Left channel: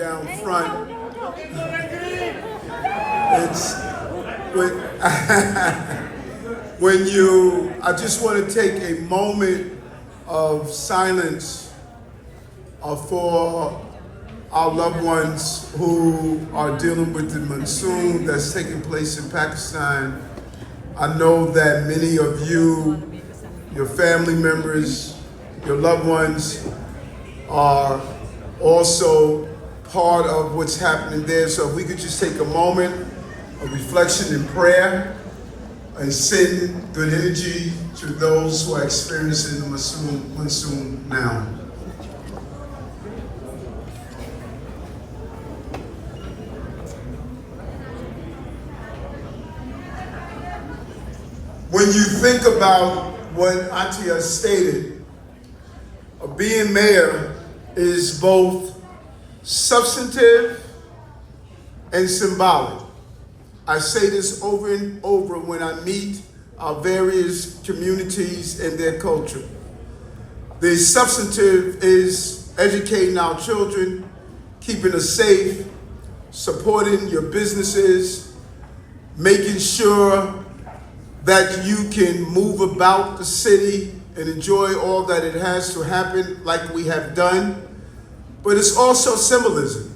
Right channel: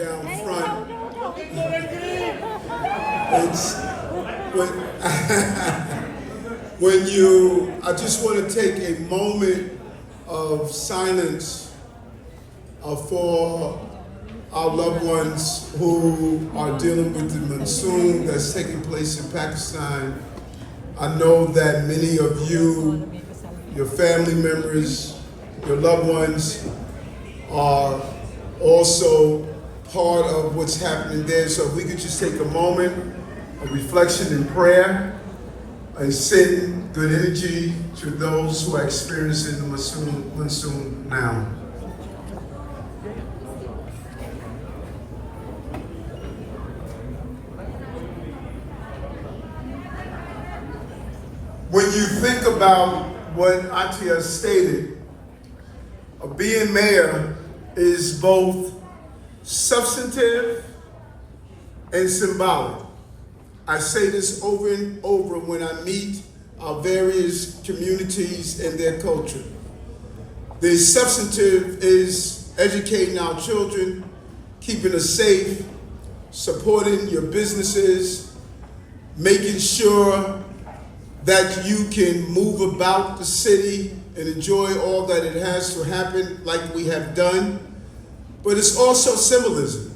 down front. It's when I just want to take a moment of silence for our loved ones who are dealing with the monsoon that's taking place in Pakistan. I know that many of you, your family members, your loved ones are also part of what's happening there. So if we could just take a moment of reflection and prayer and send good energy to those who are experiencing the monsoon now. When you think about what Atia stated, being mayor is both substantive and symbolic. I say this over and over when I meet our various communities and their culture. The substantive is educating our children, keeping us safe, supporting your businesses, making sure that you can move about the city and enjoy all that it has to happen like we have done. But it's also symbolism.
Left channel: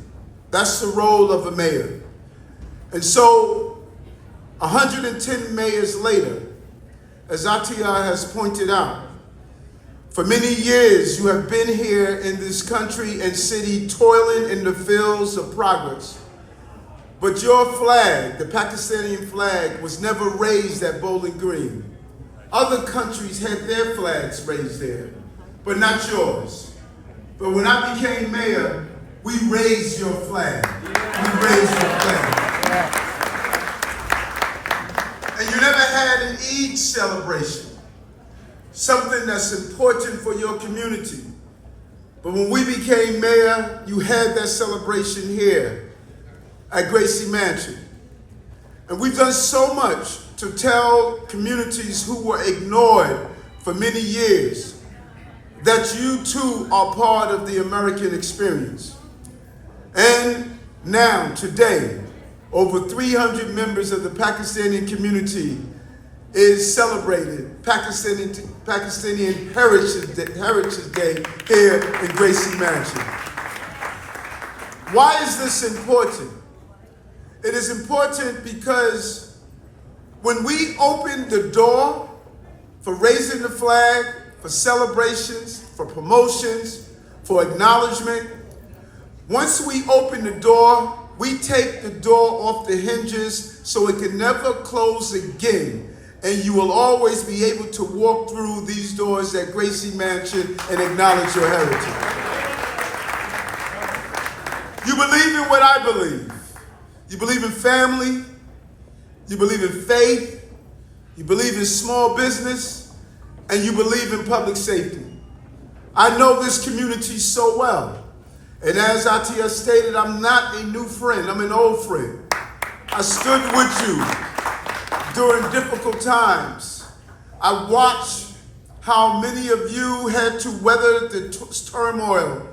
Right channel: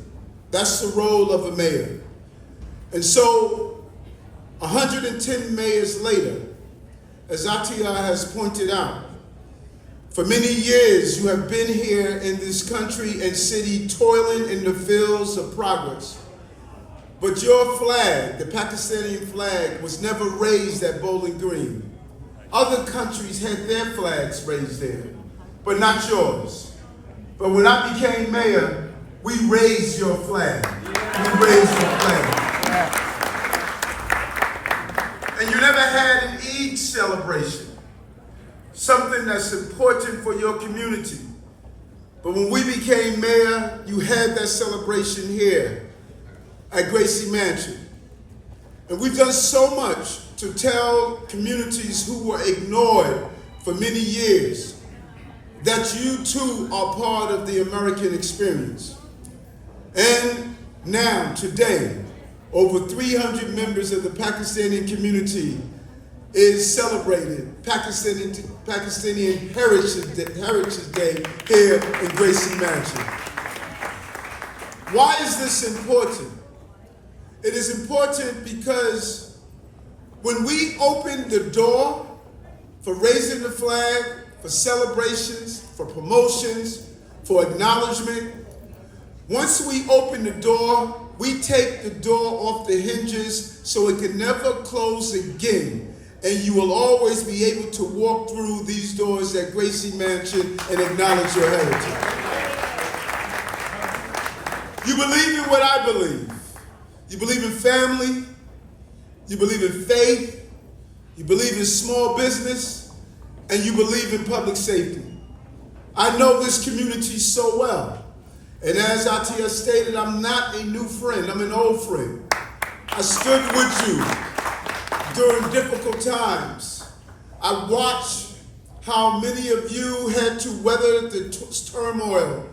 That's the role of a mayor. And so 110 mayors later, as Atia has pointed out, for many years you have been here in this country and city toiling in the fields of progress. But your flag, the Pakistani flag, was never raised at Bowling Green. Other countries had their flags raised there, but not yours. But when I became mayor, we raised your flag. We raised your flag. And you never had an Eid celebration, something that's important for your community. But when we became mayor, you had that celebration here at Gracie Mansion. And we've done so much to tell communities who were ignored for many years that you too are part of the American experience. And now, today, over 300 members of the Pakistani community is celebrated Pakistani Heritage Day here in Gracie Mansion. Why is this important? It is important because when we open the door for raising the flag, for celebrations, for promotions, for acknowledgement, once we open the door, we take the door off the hinges so it can never close again. And you will always be able to walk through these doors at Gracie Mansion and acknowledge your heritage. You believe in what I believe. You believe in family, you believe in faith, you believe in small business, and you believe in public safety. I know this community so well. And as Atia stated, I'm not a new friend, I'm an old friend. I stood with you during difficult times. I watched how many of you had to weather the turmoil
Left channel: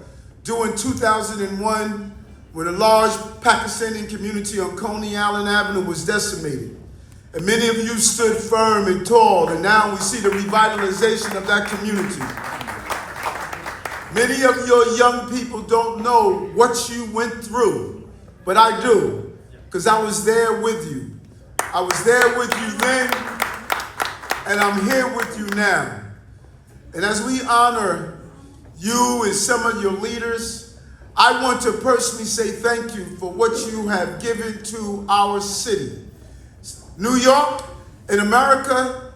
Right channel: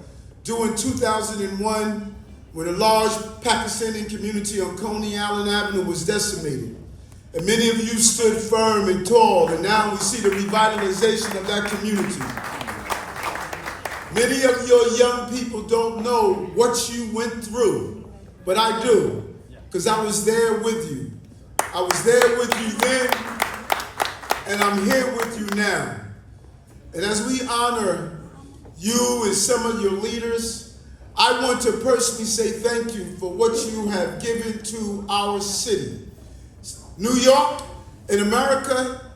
during 2001 when a large Pakistani community on Coney Island Avenue was decimated. And many of you stood firm and tall, and now we see the revitalization of that community. Many of your young people don't know what you went through, but I do, because I was there with you. I was there with you then, and I'm here with you now. And as we honor you and some of your leaders, I want to personally say thank you for what you have given to our city. New York in America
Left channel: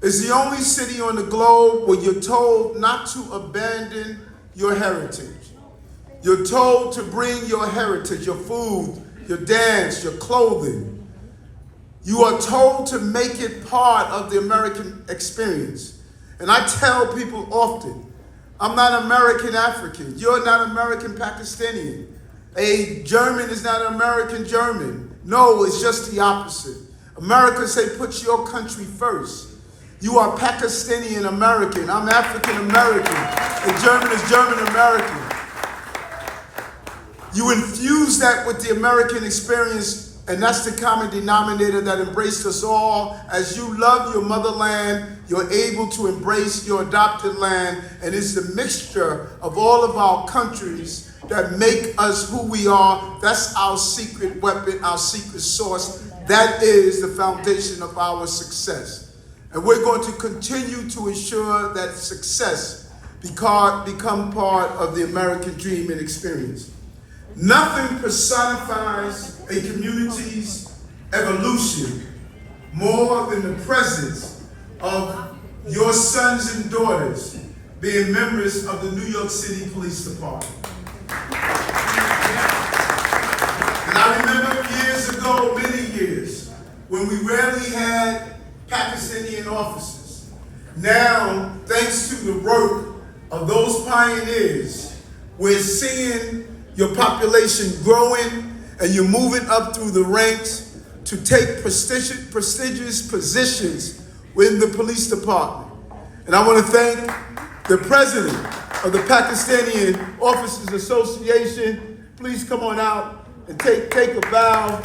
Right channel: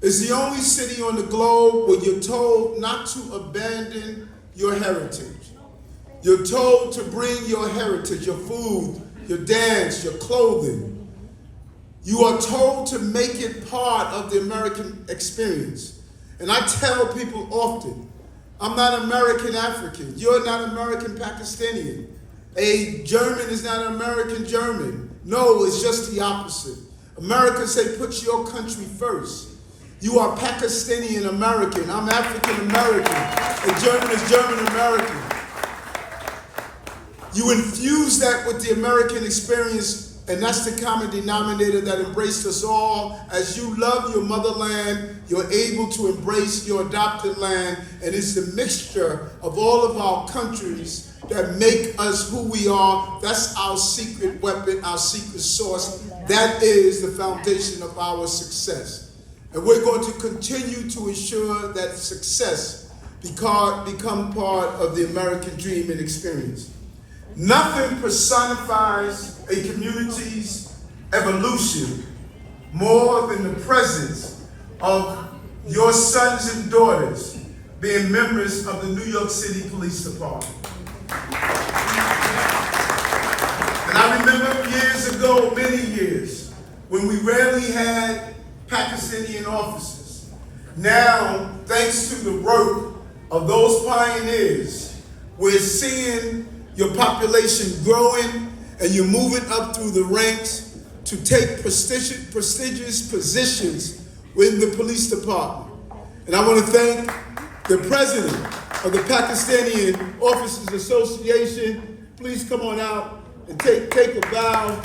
is the only city on the globe where you're told not to abandon your heritage. You're told to bring your heritage, your food, your dance, your clothing. You are told to make it part of the American experience. And I tell people often, I'm not American African. You're not American Pakistani. A German is not American German. No, it's just the opposite. America say put your country first. You are Pakistani and American. I'm African American. A German is German American. You infuse that with the American experience, and that's the common denominator that embraced us all. As you love your motherland, you're able to embrace your adopted land, and it's the mixture of all of our countries that make us who we are. That's our secret weapon, our secret sauce. That is the foundation of our success. And we're going to continue to ensure that success become part of the American dream and experience. Nothing personifies a community's evolution more than the presence of your sons and daughters being members of the New York City Police Department. And I remember years ago, many years, when we rarely had Pakistani officers. Now, thanks to the work of those pioneers, we're seeing your population growing and you're moving up through the ranks to take prestigious positions within the police department. And I want to thank the president of the Pakistani Officers Association. Please come on out and take a bow.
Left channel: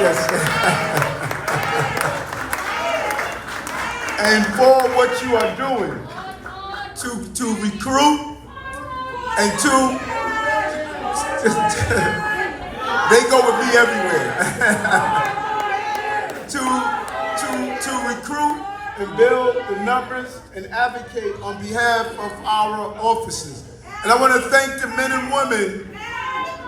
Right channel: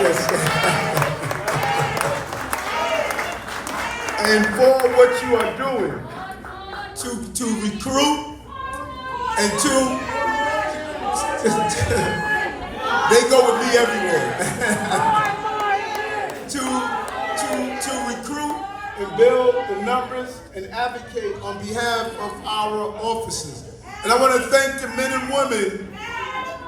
Yes. And for what you are doing to recruit and they go with me everywhere. to recruit and build the numbers and advocate on behalf of our officers. And I want to thank the men and women.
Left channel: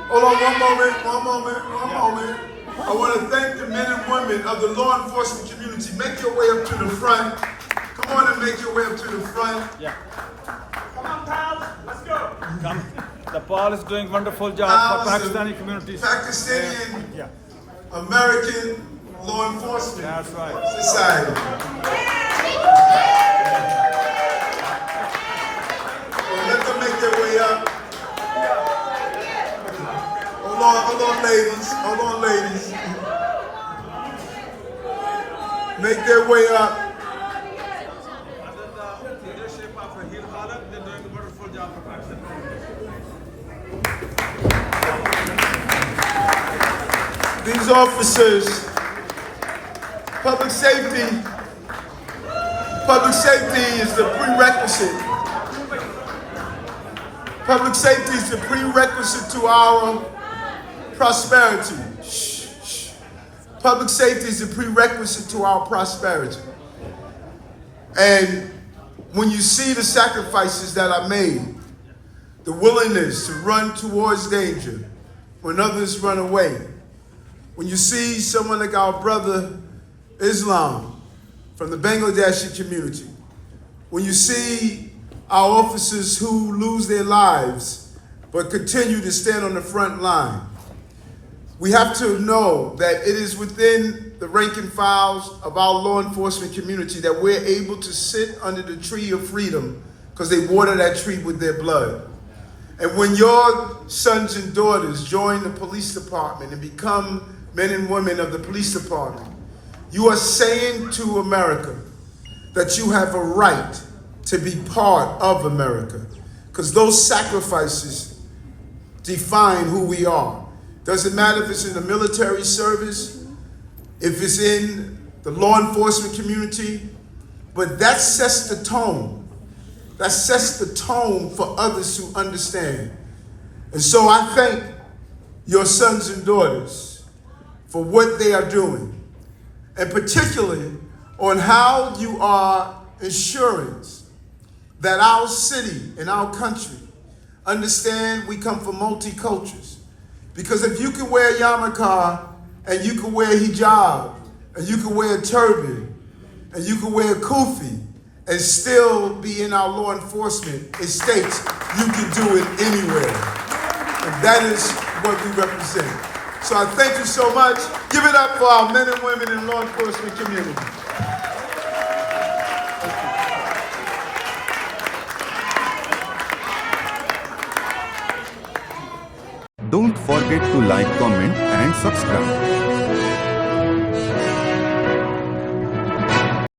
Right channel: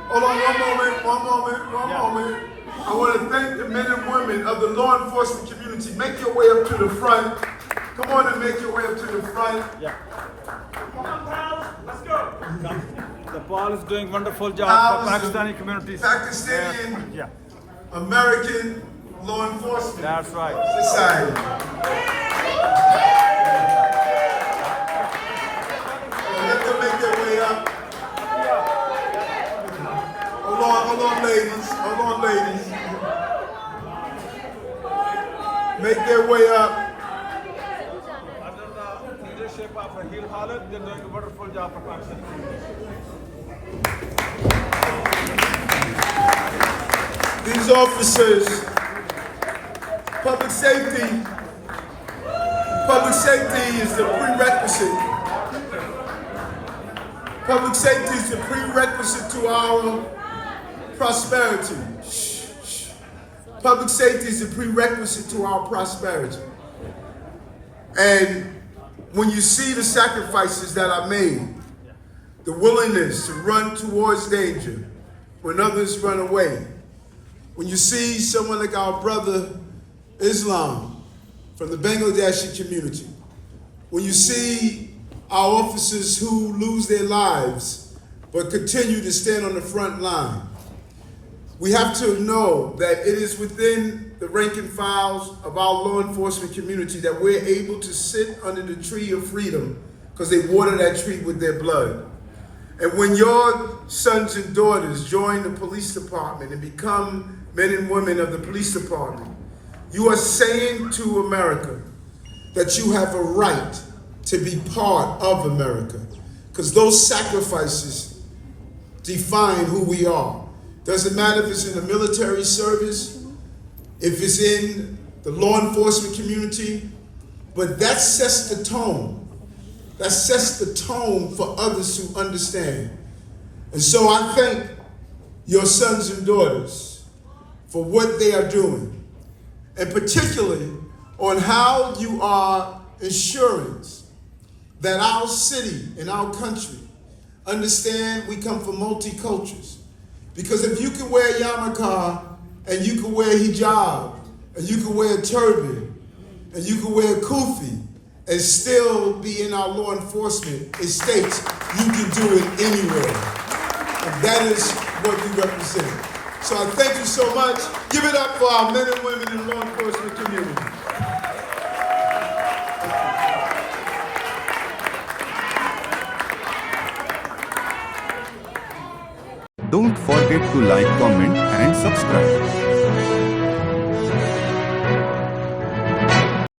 Hold on one moment. I want to thank the men and women of the law enforcement community. Make your way up to the front. Come on and make your way up to the front. Yeah. Come on, pal. Let's go. The Paul is doing wonderful job for Pakistani communities. Pakistani American law enforcement That's right. society. Well, let them make their way up. Hold on, ladies. Make their way up. These officers, public safety is the prerequisite. Public safety is the prerequisite to our prosperity. Public safety is a prerequisite to our prosperity. And when you see the sacrifices that are made, the willingness to run towards danger when others run away, when you see someone like our brother Islam from the Bangladeshi community, when you see our officers who lose their lives but continue to stand on the front line, we have to know that it is within the rank and files of our law enforcement community that we're able to sit under the tree of freedom because they water that tree with their blood. And when your sons and daughters join the police department and become men and women of the police department, you are saying to America that you have a right to be part of America, because those sacrifices define who we are. Doesn't matter if it's in the military service, if it's in the law enforcement community, but that sets the tone. That sets the tone for others to understand. And so I thank your sons and daughters for what they are doing, and particularly on how you are ensuring that our city and our country understand we come from multi-cultures. Because if you can wear yarmulke and you can wear hijab and you can wear a turban and you can wear a kufi and still be in our law enforcement, it states you can do it anywhere. And that is what we represent. So I thank you so much. Give it up for our men and women in law enforcement community. Don't forget to like, comment and subscribe.